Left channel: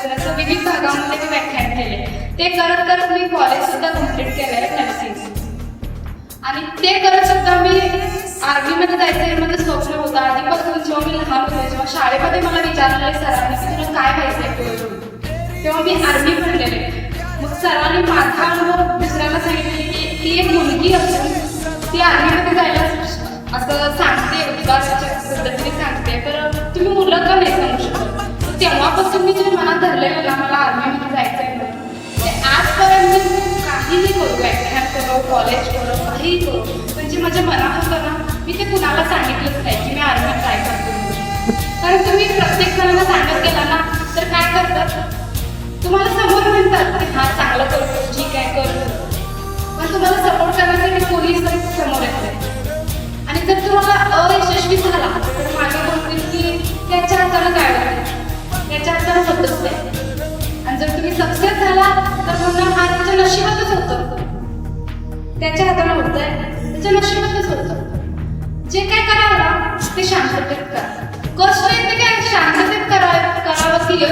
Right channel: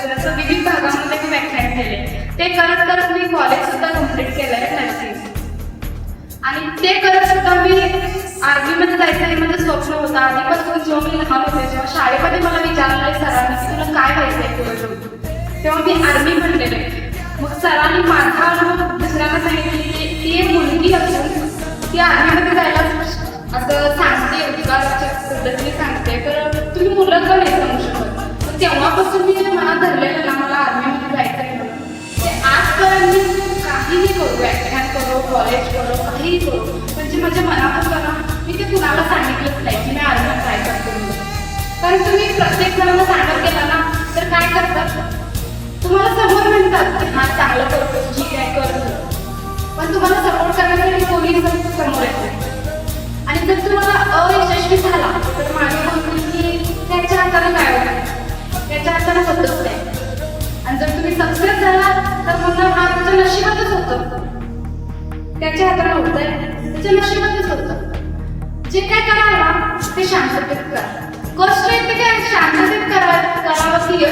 असं विविध भागामध्ये मी व्याख्यान केले. ते करत करत मी कॉलेज सुद्धा कम्प्लीट केलंय नर्सिंग. आणि ते करत सुद्धा मी आर्मीमध्ये जायचं हे माझं स्वप्न होतं. आधीपासून जेव्हा मी लहान होते, जेव्हा शाळेमध्ये मला विचारलेले सरांनी की तुला काय व्हायचंय पुढे जाऊन, तेव्हा मी आर्मी म्हणलेले. मग सरांनी माझा अनुभव दुसऱ्यांना सांगितले की ती एक मुलगी असून ती आर्मीमध्ये जायला असं सांगते, उद्गाराच्या पद्धतीने सांगते, तर तुम्ही मुलं का नाही सांगू शकत. तेव्हापासून मी जे मनात धरलेलं ना मला आर्मीमध्ये जायचं आहे म्हणून, ते आजपर्यंत मी काहीही करू, व्याख्यान करू, कॉलेज करू, काहीही करू, पण जे माझ्या मनात होतं ना मी ते कुणाला सांगितलंच नाही की मी आर्मीत जायचं करू. कारण तुम्ही प्रत्येक जणांना सांगत गेला ना तर काय करतात, तुम्हाला समोर म्हणतात की हा चांगलं करतो, ठीक आहे करतो, पण तुम्हाला सपोर्ट करण्यासाठी कोणीच समोर येत नाही. आणि जर तुम्हाला अयशस्वी झाला तर माझ्या म्हणतील की त्याच्या हाताने काय होतं, त्याच्या हाताने होतच नाही. आणि जर तुम्ही सक्सेस झाला तर म्हणून हा त्याच्या नशिबातच होतं, त्याच्या हाताने होतंय, त्याच्या नशिबातच होतं. जे काय करावं ना ते शांततेत करा. कष्ट येते काय शांततेत करावं की यश